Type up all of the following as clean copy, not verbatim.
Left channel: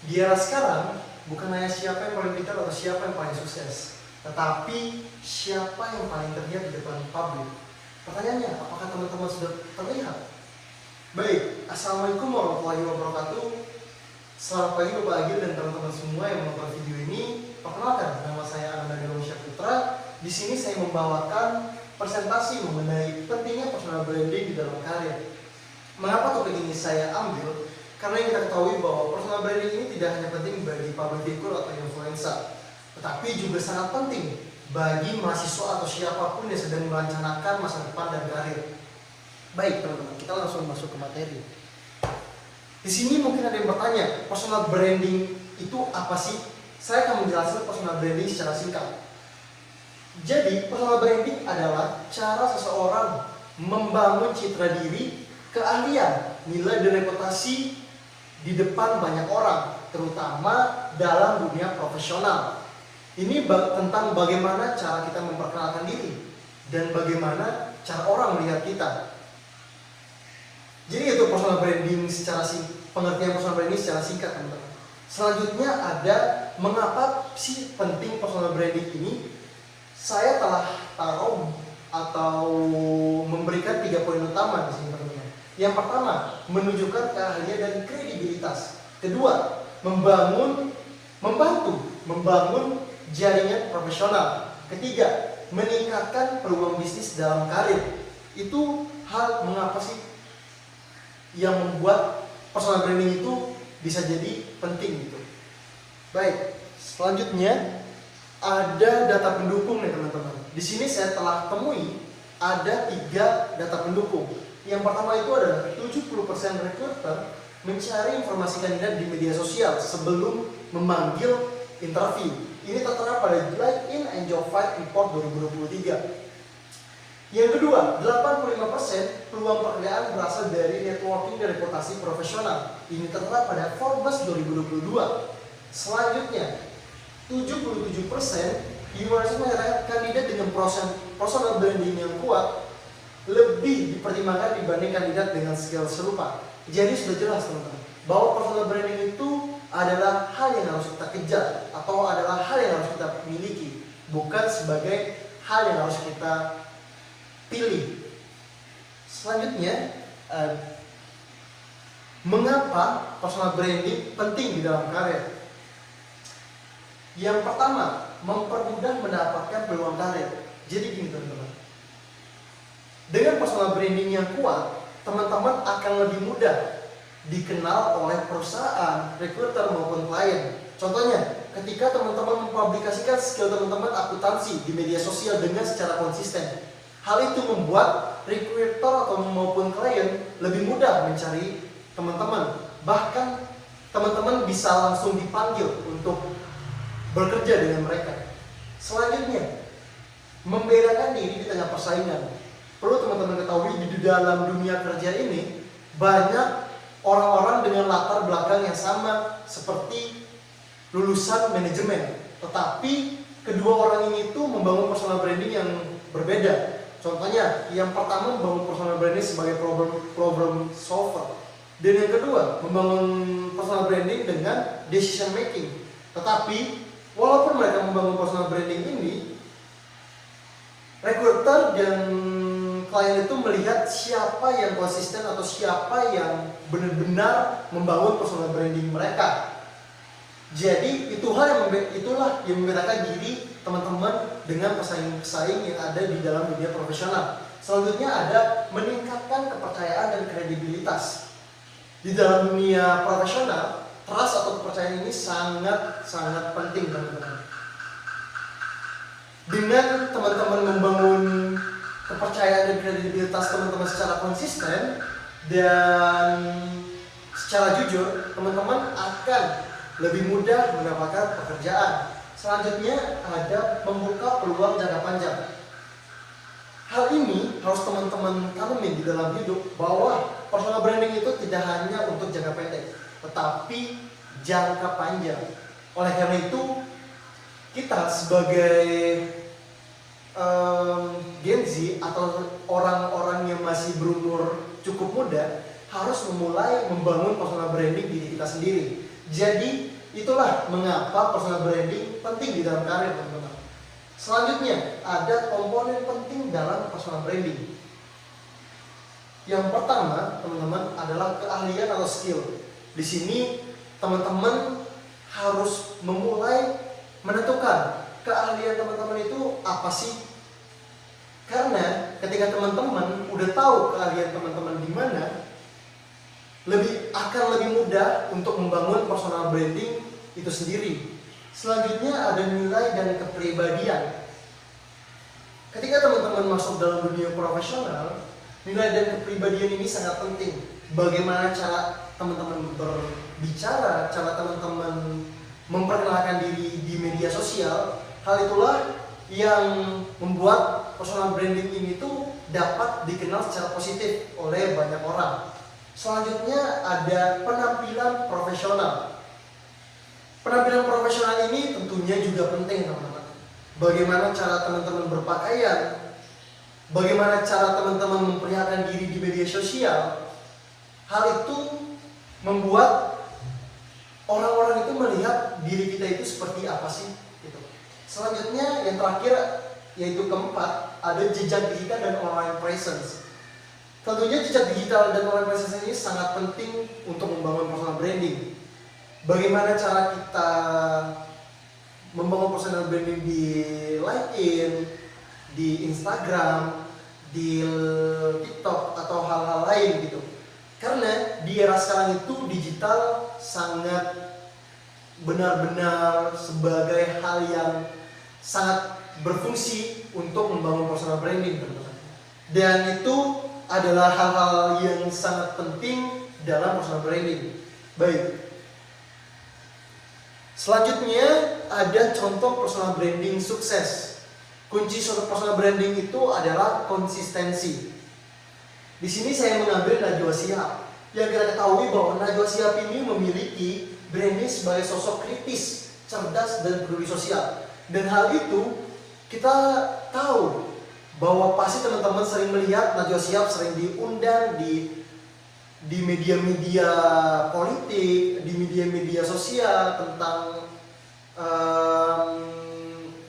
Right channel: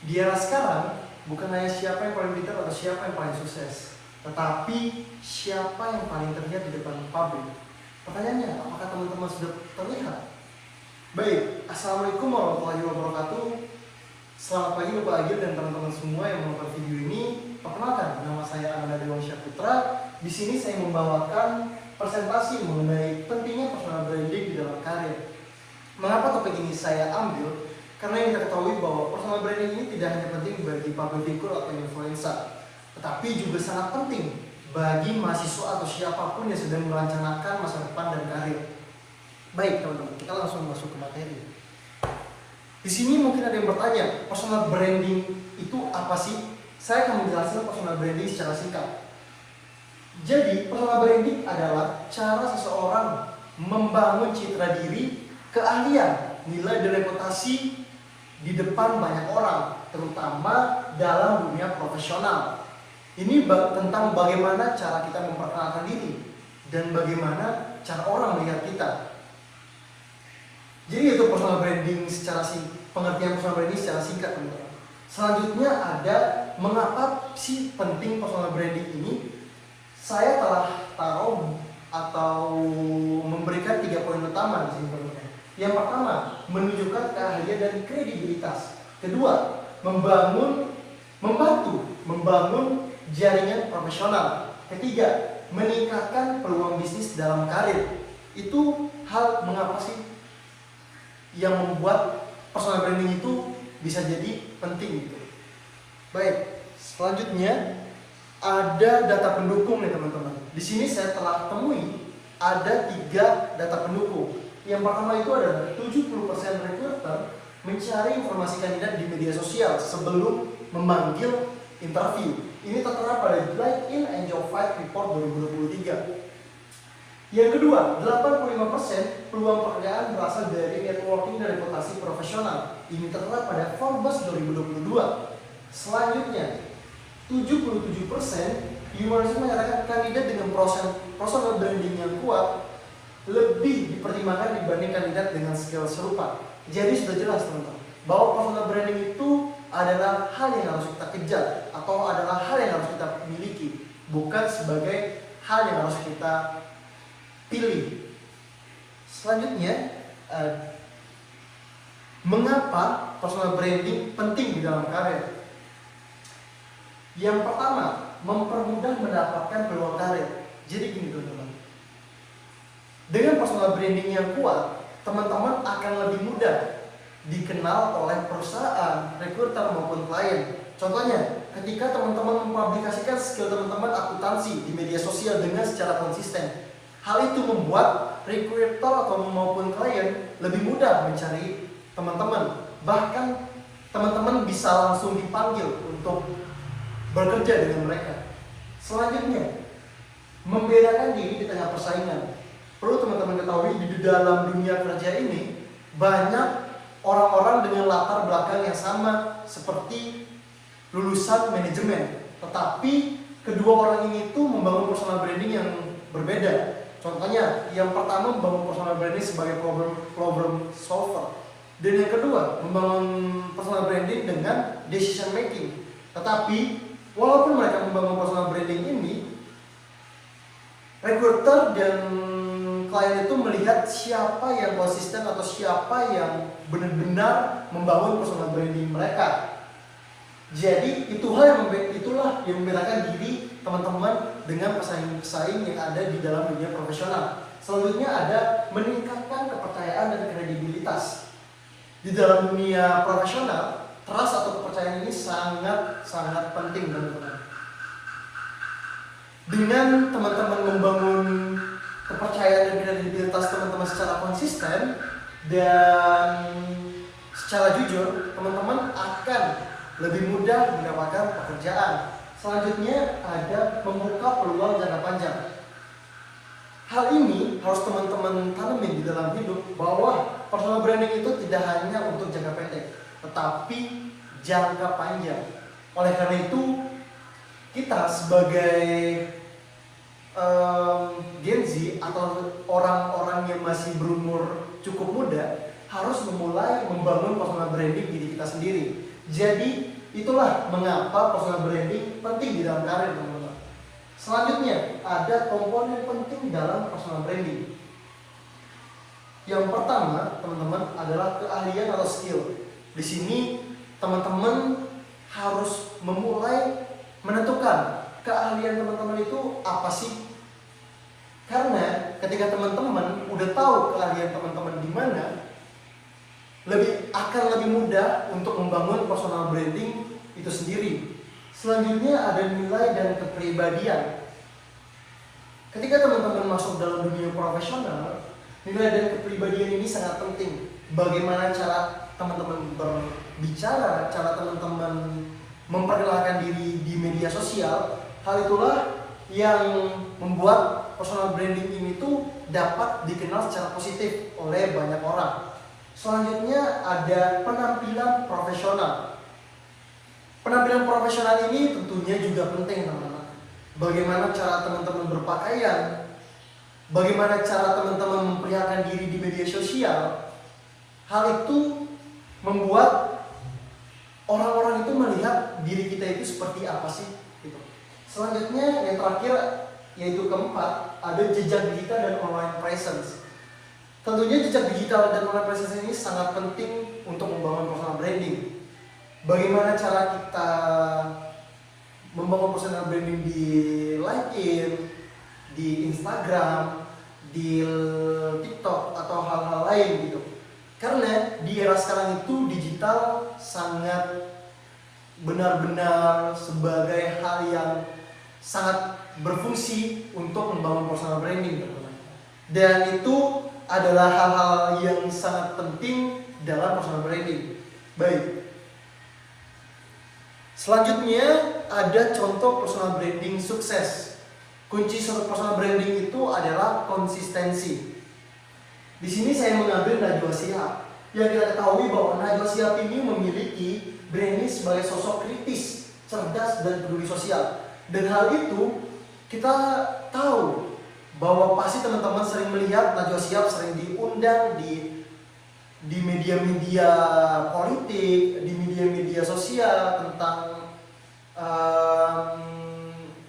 Di era sekarang, bukan hanya siapa yang paling pintar atau siapa yang paling sukses, tetapi siapa yang paling terlihat di depan publik. Pertanyaannya, apakah teman-teman sudah terlihat? Baik, Assalamualaikum warahmatullahi wabarakatuh. Selamat pagi Bapak Agil dan teman-teman semua yang menonton video ini. Perkenalkan, nama saya Ananda Dewansyah Putra. Di sini saya membawakan presentasi mengenai pentingnya personal branding di dalam karir. Mengapa topik ini saya ambil? Karena yang kita ketahui bahwa personal branding ini tidak hanya penting bagi public figure atau influencer, tetapi juga sangat penting bagi mahasiswa atau siapapun yang sedang merencanakan masa depan dan karir. Baik teman-teman, kita langsung masuk ke materi. Di sini mungkin ada yang bertanya, personal branding itu apa sih? Saya akan menjelaskan personal branding secara singkat. Jadi, personal branding adalah cara seseorang membangun citra diri, keahlian, nilai dan reputasi di depan banyak orang, terutama dalam dunia profesional. Ini tentang bagaimana cara kita memperkenalkan diri dan bagaimana cara orang melihat kita. Jadi itu personal branding secara pengertian personal branding secara singkat, teman-teman. Selanjutnya ada mengapa sih penting personal branding ini? Saya telah taruh atau memberikan 3 poin utama di sini, teman-teman. Yang pertama, menunjukkan keahlian dan kredibilitas. Kedua, membantu membangun jaringan profesional. Ketiga, meningkatkan peluang bisnis dalam karir. Itu hal mengapa sih yang membuat personal branding itu bisa jadi penting gitu. Baik, selanjutnya ada data pendukung nih teman-teman. Di sini saya telah temui ada 3 data pendukung. Yang pertama itu adalah 70% recruiter mencari informasi kandidat di media sosial sebelum memanggil interview. Ini tertera pada LinkedIn and Job Fight Report 2023. Yang kedua, 85% peluang pekerjaan berasal dari networking dan reputasi profesional. Ini tertera pada Forbes 2022. Selanjutnya, 77% universitas menyatakan kandidat dengan personal branding yang kuat lebih dipertimbangkan dibanding kandidat dengan skill serupa. Jadi sudah jelas teman-teman bahwa personal branding itu adalah hal yang harus kita kejar atau adalah hal yang harus kita miliki, bukan sebagai hal yang harus kita pilih. Selanjutnya, mengapa personal branding penting di dalam karir? Yang pertama, mempermudah mendapatkan peluang karir. Jadi gini teman-teman, dengan personal branding yang kuat, teman-teman akan lebih mudah dikenal oleh perusahaan, recruiter maupun klien. Contohnya, ketika teman-teman mempublikasikan skill teman-teman akuntansi di media sosial dengan secara konsisten, hal itu membuat recruiter atau maupun klien lebih mudah mencari teman-teman. Bahkan teman-teman bisa langsung dipanggil untuk bekerja dengan mereka. Selanjutnya, membedakan diri di tengah persaingan. Perlu teman-teman ketahui di dalam dunia kerja ini banyak orang-orang dengan latar belakang yang sama seperti lulusan manajemen, tetapi kedua orang ini tuh membangun personal branding yang berbeda. Contohnya, yang pertama membangun personal branding sebagai problem solver, dan yang kedua membangun personal branding dengan decision making. Tetapi walaupun mereka membangun personal branding ini, recruiter dan klien itu melihat siapa yang konsisten atau siapa yang benar-benar membangun personal branding mereka. Jadi itulah yang membedakan diri teman-teman dengan pesaing-pesaing yang ada di dalam dunia profesional. Selanjutnya ada meningkatkan kepercayaan dan kredibilitas. Di dalam dunia profesional, trust atau kepercayaan ini sangat penting teman-teman. Dengan teman-teman membangun kepercayaan dan kredibilitas teman-teman secara konsisten dan secara jujur, teman-teman akan lebih mudah mendapatkan pekerjaan. Selanjutnya ada membuka peluang jangka panjang. Hal ini harus teman-teman tanemin di dalam hidup bahwa personal branding itu tidak hanya untuk jangka pendek, tetapi jangka panjang. Oleh karena itu, kita sebagai Gen Z atau orang-orang yang masih berumur cukup muda harus memulai membangun personal branding diri kita sendiri. Jadi itulah mengapa personal branding penting di dalam karir, teman-teman. Selanjutnya ada komponen penting dalam personal branding. Yang pertama, teman-teman, adalah keahlian atau skill. Di sini teman-teman harus memulai menentukan keahlian teman-teman itu apa sih. Karena ketika teman-teman udah tahu keahlian teman-teman di mana, akan lebih mudah untuk membangun personal branding itu sendiri. Selanjutnya ada nilai dan kepribadian. Ketika teman-teman masuk dalam dunia profesional, nilai dan kepribadian ini sangat penting. Bagaimana cara teman-teman berbicara, cara teman-teman memperkenalkan diri di media sosial, hal itulah yang membuat personal branding ini tuh dapat dikenal secara positif oleh banyak orang. Selanjutnya ada penampilan profesional. Penampilan profesional ini tentunya juga penting, teman-teman. Bagaimana cara teman-teman berpakaian, bagaimana cara teman-teman memperlihatkan diri di media sosial. Hal itu membuat orang-orang itu melihat diri kita itu seperti apa sih gitu. Selanjutnya yang terakhir yaitu keempat, ada jejak digital dan online presence. Tentunya jejak digital dan online presence ini sangat penting untuk membangun personal branding. Bagaimana cara kita membangun personal branding di LinkedIn, di Instagram, di TikTok atau hal-hal lain gitu. Karena di era sekarang itu digital sangat benar-benar sebagai hal yang sangat berfungsi untuk membangun personal branding, teman-teman. Dan itu adalah hal-hal yang sangat penting dalam personal branding. Baik. Selanjutnya ada contoh personal branding sukses. Kunci personal branding itu adalah konsistensi. Di sini saya mengambil Najwa Shihab. Yang kita ketahui bahwa Najwa Shihab ini memiliki branding sebagai sosok kritis, cerdas, dan peduli sosial. Dan hal itu kita tahu bahwa pasti teman-teman sering melihat Najwa Shihab sering diundang di media-media politik, di media-media sosial tentang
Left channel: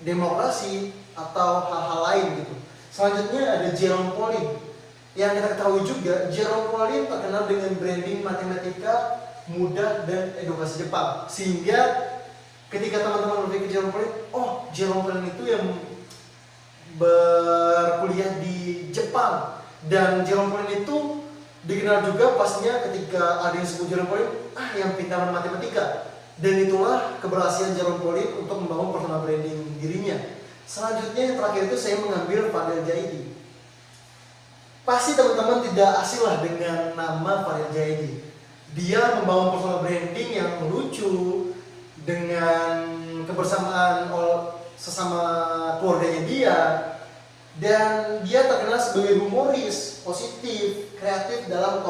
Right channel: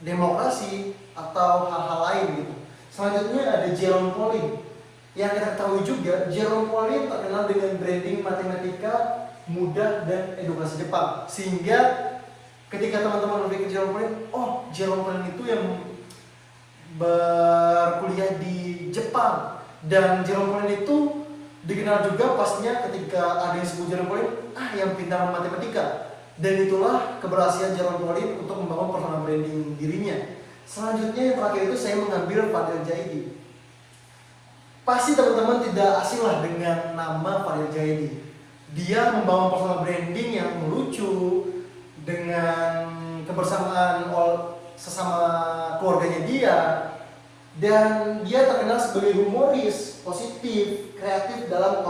demokrasi atau hal-hal lain gitu. Selanjutnya ada Jerome Pauline. Yang kita ketahui juga, Jerome Pauline terkenal dengan branding matematika mudah dan edukasi Jepang. Sehingga ketika teman-teman berpikir Jerome Pauline, oh Jerome Pauline itu yang berkuliah di Jepang. Dan Jerome Pauline itu dikenal juga pastinya ketika ada yang sebut Jerome Pauline, yang pintaran matematika. Dan itulah keberhasilan Jerome Pauline untuk membangun personal branding dirinya. Selanjutnya yang terakhir itu saya mengambil Fadil Jaidi. Pasti teman-teman tidak asing lah dengan nama Fadil Jaidi. Dia membangun personal branding yang lucu dengan kebersamaan sesama keluarganya dia, dan dia terkenal sebagai humoris, positif, kreatif dalam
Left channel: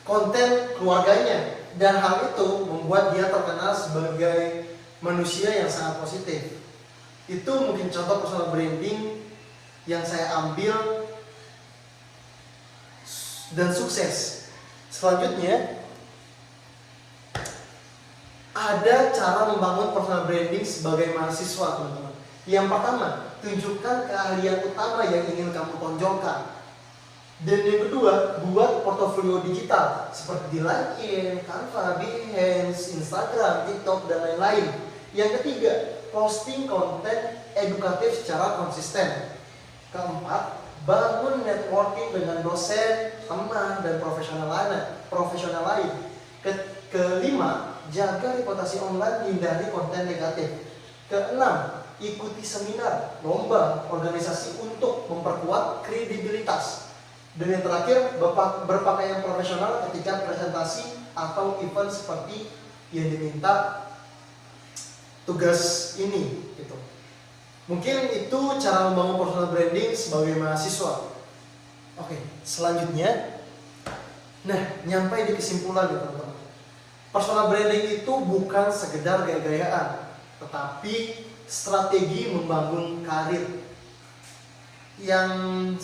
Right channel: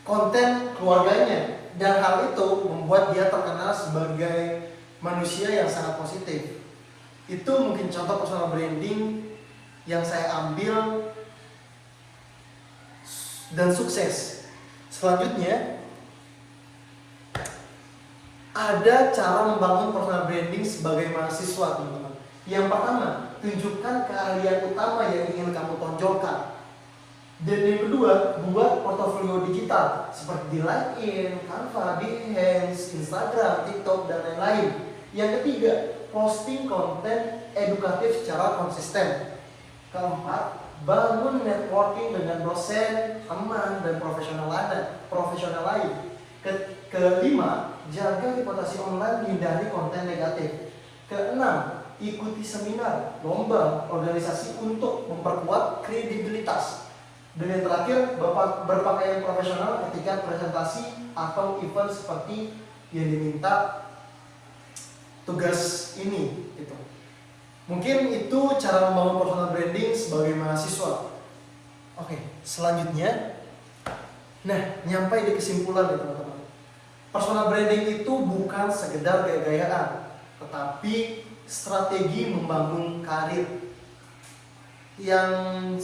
konten keluarganya, dan hal itu membuat dia terkenal sebagai manusia yang sangat positif. Itu mungkin contoh personal branding yang saya ambil dan sukses. Selanjutnya ada cara membangun personal branding sebagai mahasiswa, teman-teman. Yang pertama, tunjukkan keahlian utama yang ingin kamu tonjolkan. Dan yang kedua, buat portofolio digital seperti di LinkedIn, Canva, Behance, Instagram, TikTok, dan lain-lain. Yang ketiga, posting konten edukatif secara konsisten. Keempat, bangun networking dengan dosen, teman, dan profesional lain. Kelima, jaga reputasi online, hindari konten negatif. Keenam, ikuti seminar, lomba, organisasi untuk memperkuat kredibilitas. Dan yang terakhir, berpakaian profesional ketika presentasi atau event seperti yang diminta tugas ini gitu. Mungkin itu cara membangun personal branding sebagai mahasiswa. Oke, selanjutnya nyampai di kesimpulan ya teman-teman. Personal branding itu bukan sekedar gaya-gayaan, tetapi strategi membangun karir. Dan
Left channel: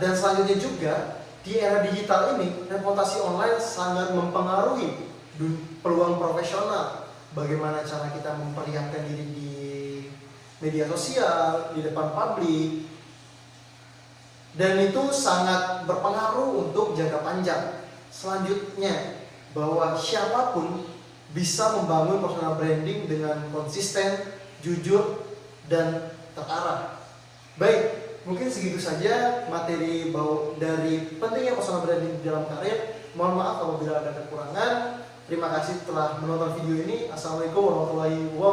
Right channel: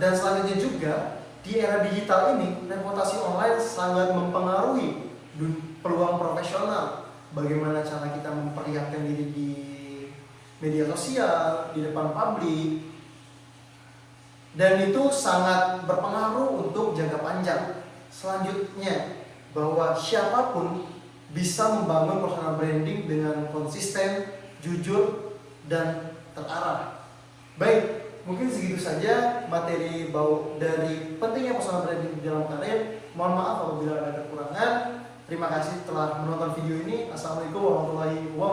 selanjutnya juga di era digital ini, reputasi online sangat mempengaruhi peluang profesional. Bagaimana cara kita memperlihatkan diri di media sosial, di depan publik. Dan itu sangat berpengaruh untuk jangka panjang. Selanjutnya, bahwa siapapun bisa membangun personal branding dengan konsisten, jujur, dan terarah. Baik, mungkin segitu saja materi dari pentingnya personal branding dalam karir. Mohon maaf apabila ada kekurangan. Terima kasih telah menonton video ini. Assalamualaikum warahmatullahi wabarakatuh.